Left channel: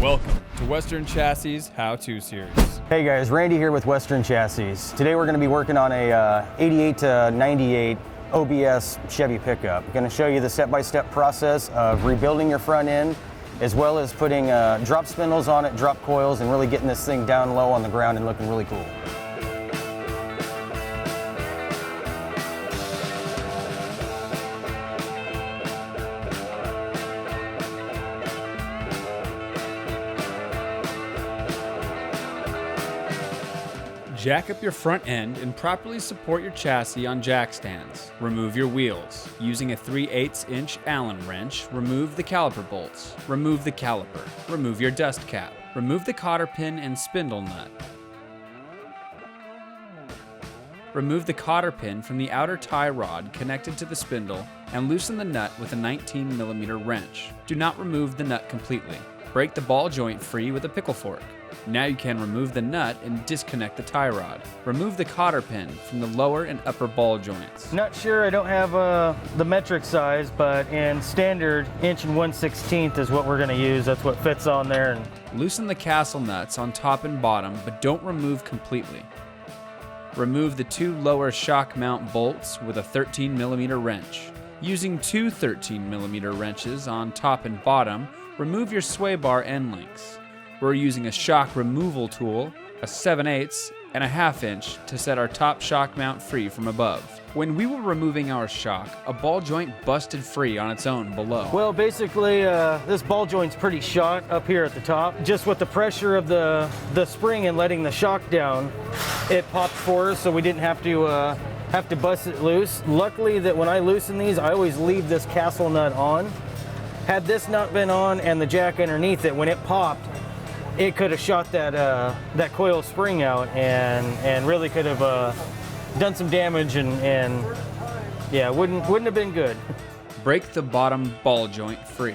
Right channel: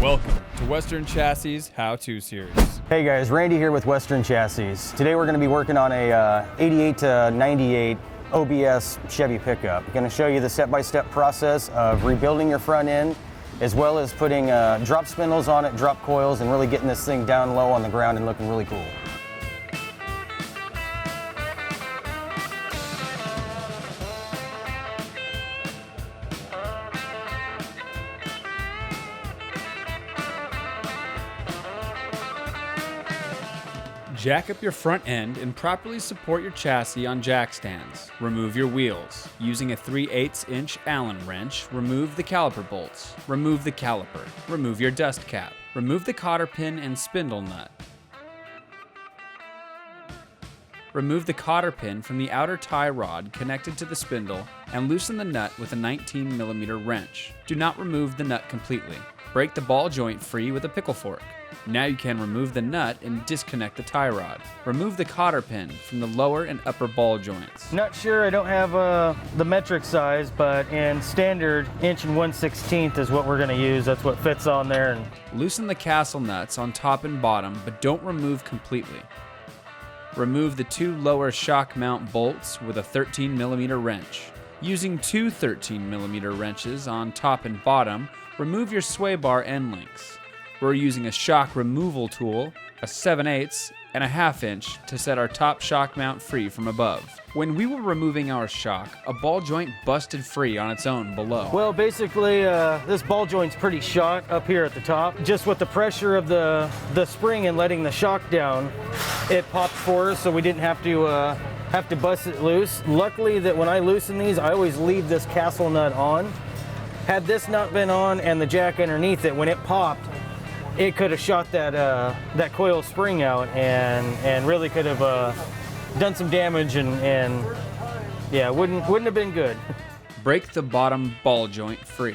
Welcome to Western Chassis How-To Series. Hey guys, Randy here with Western Chassis. Today we're going to be working on a 88 to 98 OBS Chevy pickup. I'm going to show you the step-by-step process of rebuilding your front end, as well as putting drop spindles on it, drop coils, and really getting this thing down low on the ground and looking really cool. Jack up your front end and properly support your chassis on jack stands. Remove your wheels. Using a 3/8" Allen wrench, remove the caliper bolts. Remove the caliper. Remove your dust cap. Remove the cotter pin and spindle nut. Remove the cotter pin from the outer tie rod connected to the spindle and loosen the nut with a 19mm wrench. Do not remove the nut completely. Break the ball joint free with a pickle fork. Now you can remove the nut and disconnect the tie rod. Remove the cotter pin from the lower and upper ball joints. Not sure, I don't have the metric size, but in standard, 1/1/16 is what we're going to use. That's what fits on there. Loosen the castle nuts on top and bottom, but don't remove completely. Remove the two lower shock mount bolts with a 13mm wrench. Using two 13mm wrenches on top and bottom, remove your sway bar end links. We're using a shock removal tool, a 7/8" and a 1/2" to set our top shock mount free from above. When we were removing our shock, a ball joint busted free on its own below. Well, basically, this ball joint's pretty shot up here at the top. Just with the pressure of the spring and letting the shock down, it popped for us, so we didn't have to bust it loose. Luckily that when I loosen these, I always leave this castle nut on. Had this nut been on and the jack underneath it, when it popped, it could have shot that coil spring out and really could have done some damage and yeah, wouldn't have been good. Break the bottom ball joint free.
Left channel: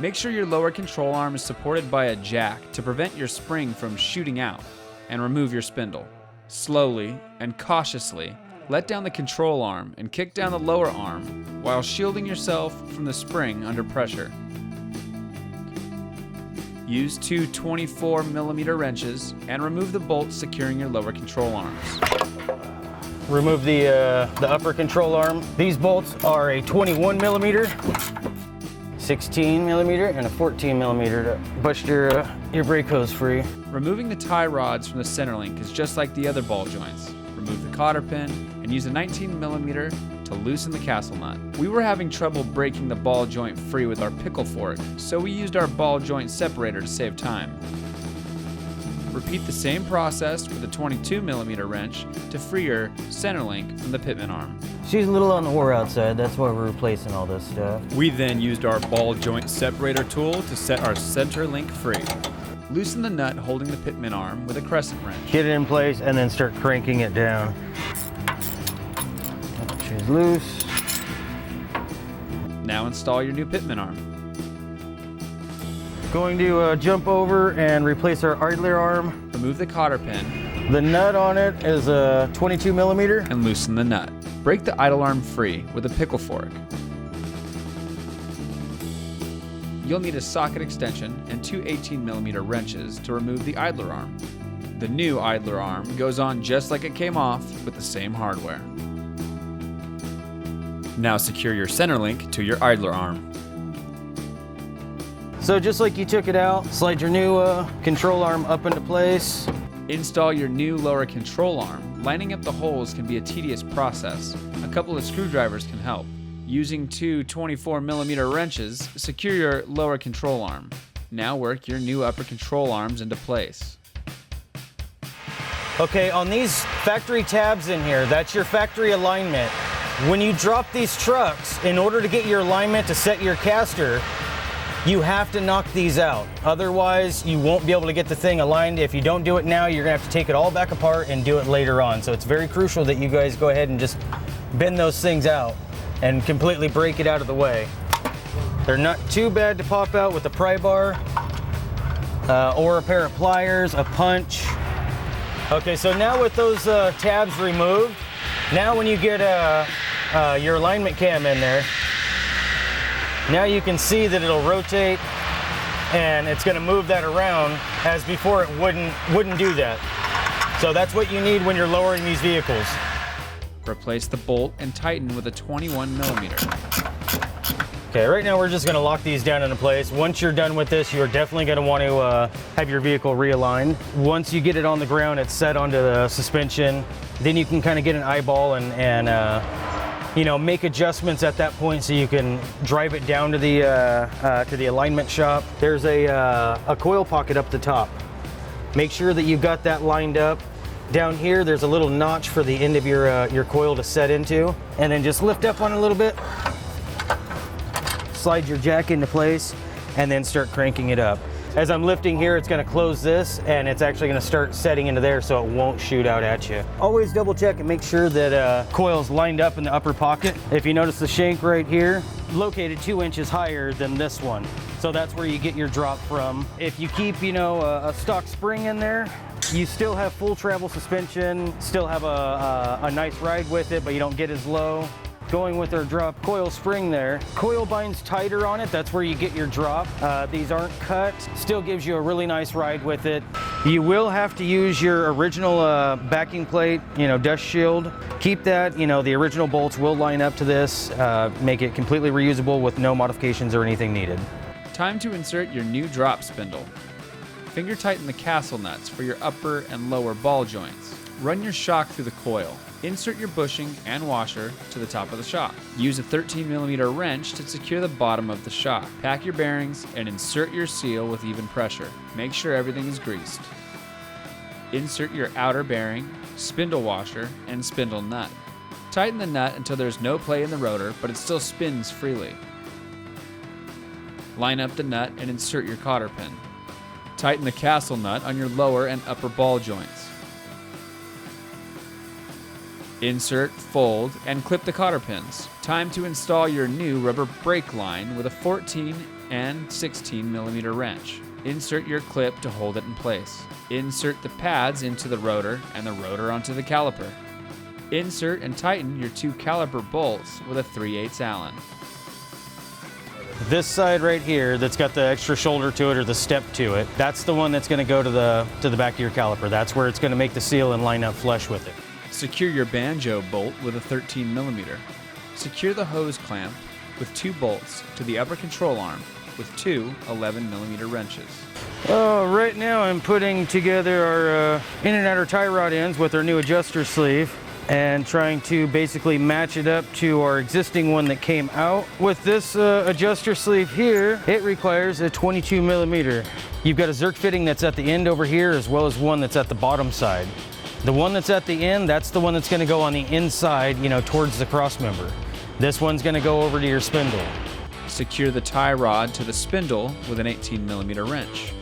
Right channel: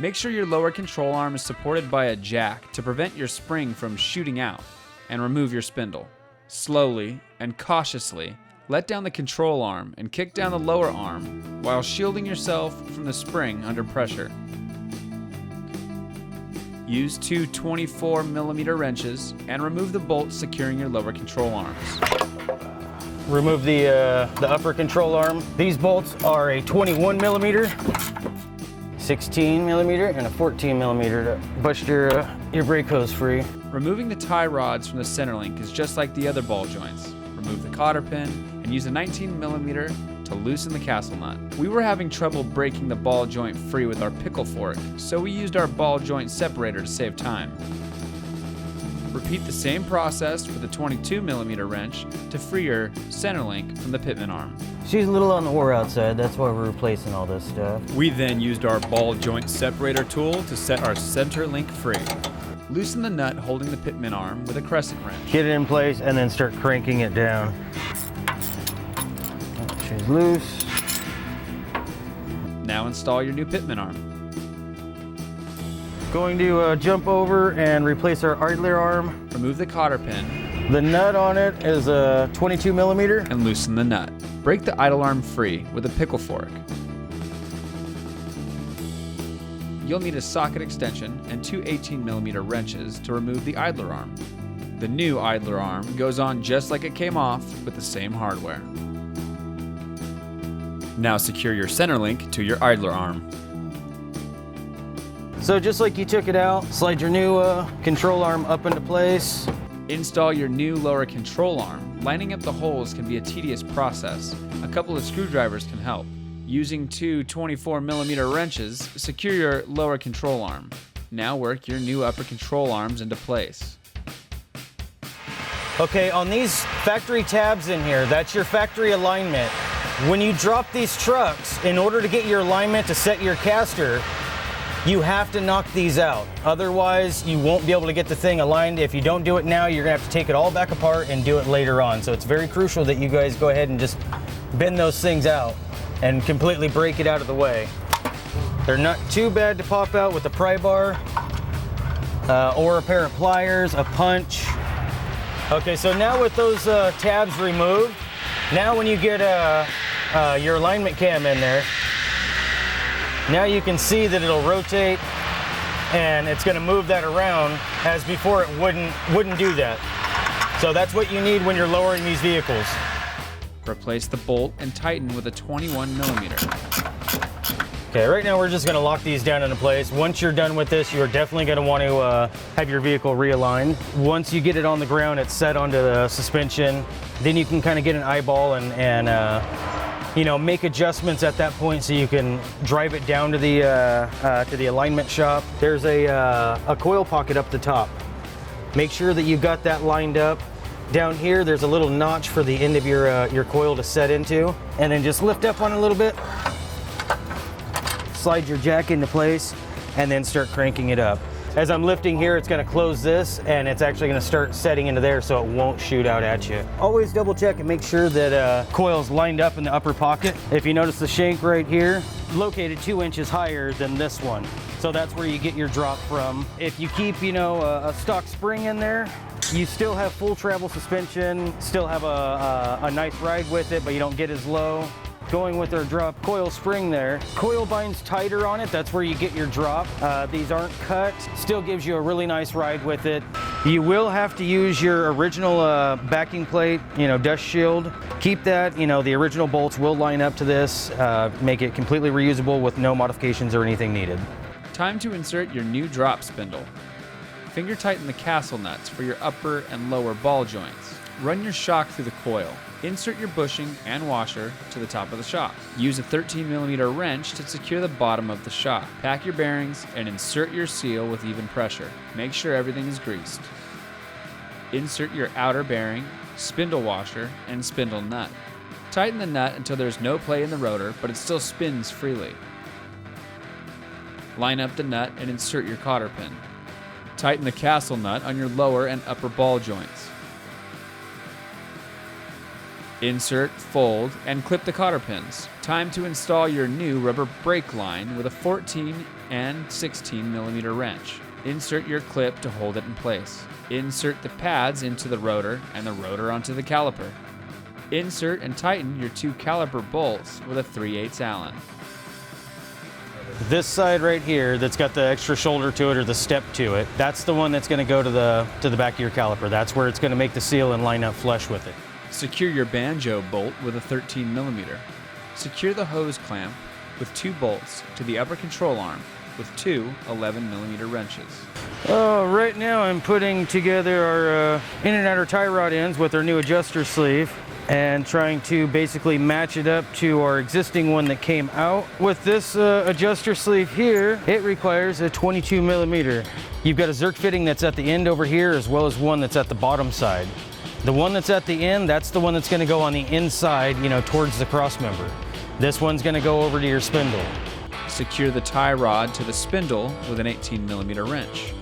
Make sure your lower control arm is supported by a jack to prevent your spring from shooting out, and remove your spindle. Slowly and cautiously let down the control arm and kick down the lower arm while shielding yourself from the spring under pressure. Use two 24mm wrenches and remove the bolts securing your lower control arms. Remove the upper control arm. These bolts are a 21mm, 16mm, and a 14mm to bust your brake hose free. Removing the tie rods from the center link is just like the other ball joints. Remove the cotter pin and use a 19mm to loosen the castle nut. We were having trouble breaking the ball joint free with our pickle fork, so we used our ball joint separator to save time. Repeat the same process with a 22mm wrench to free your center link from the pitman arm. She's a little on the wore out side, that's why we're replacing all this stuff. We then used our ball joint separator tool to set our center link free. Loosen the nut holding the pitman arm with a crescent wrench. Get it in place and then start cranking it down. She's loose. Now install your new pitman arm. Going to jump over and replace our idler arm. Remove the cotter pin. The nut on it is a 22mm. And loosen the nut. Break the idle arm free with a pickle fork. You'll need a socket extension and two 18mm wrenches to remove the idler arm. The new idler arm goes on just like it came off with the same hardware. Now secure your center link to your idler arm. So just like you took it out, slide your new control arm up into place. Install your new lower control arm. Lining up the holes can be a tedious process. A couple of screwdrivers can help. Using two 24mm wrenches, secure your lower control arm. Now work your new upper control arms into place. Okay, on these factory tabs in here, that's your factory alignment. When you drop these trucks, in order to get your alignment to set your caster, you have to knock these out. Otherwise, you won't be able to get the thing aligned. If you don't do it now, you're gonna have to take it all back apart and do it later on. So it's very crucial that you guys go ahead and just bend those things out and completely break it out of the way. They're not too bad to pop out with a pry bar or a pair of pliers, a punch. Okay, so now with those tabs removed, now when you get your alignment cam in there, now you can see that it'll rotate and it's going to move that around, as before it wouldn't do that. So that's what you need when you're lowering these vehicles. Replace the bolt and tighten with a 21 millimeter. Okay, right now we're just going to lock these down into place. Once you're done with this, you're definitely going to want to have your vehicle realigned. Once you get it on the ground, it's set onto the suspension. Then you can kind of get an eyeball and you know, make adjustments at that point so you can drive it down to the alignment shop. There's a coil pocket up the top. Make sure that you've got that lined up. Down here, there's a little notch for the end of your coil to set into, and then just lift up on it a little bit. Slide your jack into place, and then start cranking it up. As I'm lifting here, it's going to close this, and it's actually going to start setting into there so it won't shoot out at you. Always double check and make sure that coil's lined up in the upper pocket. If you notice the shank right here, located 2 inches higher than this one. So that's where you get your drop from. If you keep, you know, a stock spring in there, you still have full travel suspension, still have a nice ride with it, but you don't get as low. Going with our drop coil spring there, coil binds tighter on it, that's where you get your drop. These aren't cut, still gives you a really nice ride with it. You will have to use your original backing plate, you know, dust shield. Keep that, you know, the original bolts will line up to this, make it completely reusable with no modifications or anything needed. Time to insert your new drop spindle. Finger tighten the castle nuts for your upper and lower ball joints. Run your shock through the coil. Insert your bushing and washer to the top of the shock. Use a 13 millimeter wrench to secure the bottom of the shock. Pack your bearings and insert your seal with even pressure. Make sure everything is greased. Insert your outer bearing, spindle washer, and spindle nut. Tighten the nut until there's no play in the rotor, but it still spins freely. Line up the nut and insert your cotter pin. Tighten the castle nut on your lower and upper ball joints. Insert, fold, and clip the cotter pins. Time to install your new rubber brake line with a 14 and 16 millimeter wrench. Insert your clip to hold it in place. Insert the pads into the rotor and the rotor onto the caliper. Insert and tighten your 2 caliper bolts with a 3/8 Allen. This side right here that's got the extra shoulder to it or the step to it, that's the one that's going to go to the back of your caliper. That's where it's going to make the seal and line up flush with it. Secure your banjo bolt with a 13 millimeter. Secure the hose clamp with 2 bolts to the upper control arm with 2 11 millimeter wrenches. Right now I'm putting together our in and outer tie rod ends with our new adjuster sleeve and trying to basically match it up to our existing one that came out. With this adjuster sleeve here, it requires a 22 millimeter. You've got a Zerk fitting that's at the end over here as well as one that's at the bottom side. The one that's at the end, that's the one that's going to go on the inside, you know, towards the cross member. This one's going to go over to your spindle. Secure the tie rod to the spindle with an 18 millimeter wrench.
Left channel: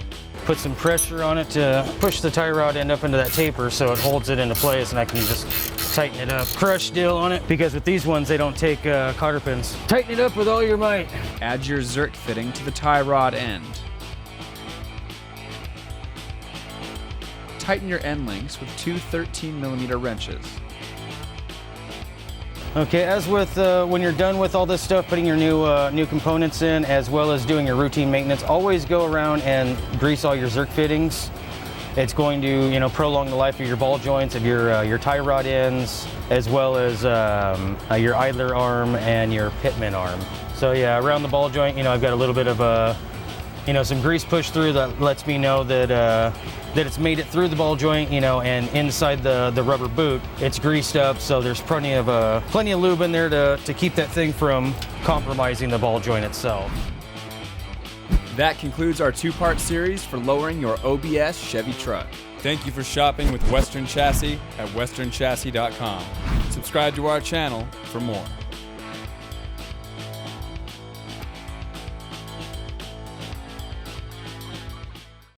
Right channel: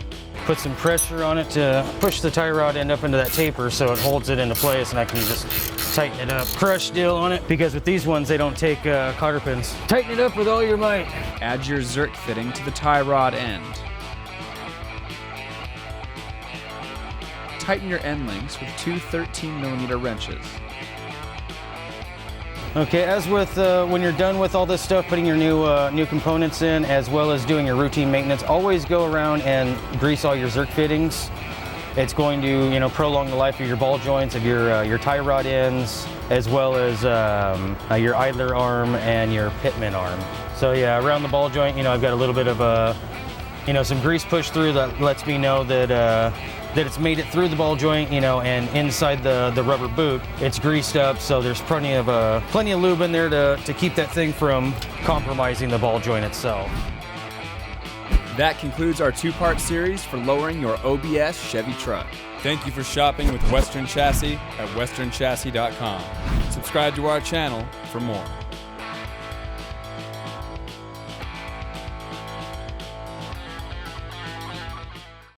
Put some pressure on it to push the tie rod end up into that taper so it holds it into place, and I can just tighten it up. Crush deal on it, because with these ones they don't take cotter pins. Tighten it up with all your might. Add your Zerk fitting to the tie rod end. Tighten your end links with 2 13 millimeter wrenches. Okay, as with when you're done with all this stuff, putting your new components in, as well as doing your routine maintenance, always go around and grease all your Zerk fittings. It's going to, you know, prolong the life of your ball joints, of your tie rod ends, as well as your idler arm and your pitman arm. So yeah, around the ball joint, you know, I've got a little bit of you know, some grease pushed through that lets me know that that it's made it through the ball joint, you know, and inside the rubber boot, it's greased up, so there's plenty of lube in there to keep that thing from compromising the ball joint itself. That concludes our 2-part series for lowering your OBS Chevy truck. Thank you for shopping with Western Chassis at westernchassis.com. Subscribe to our channel for more.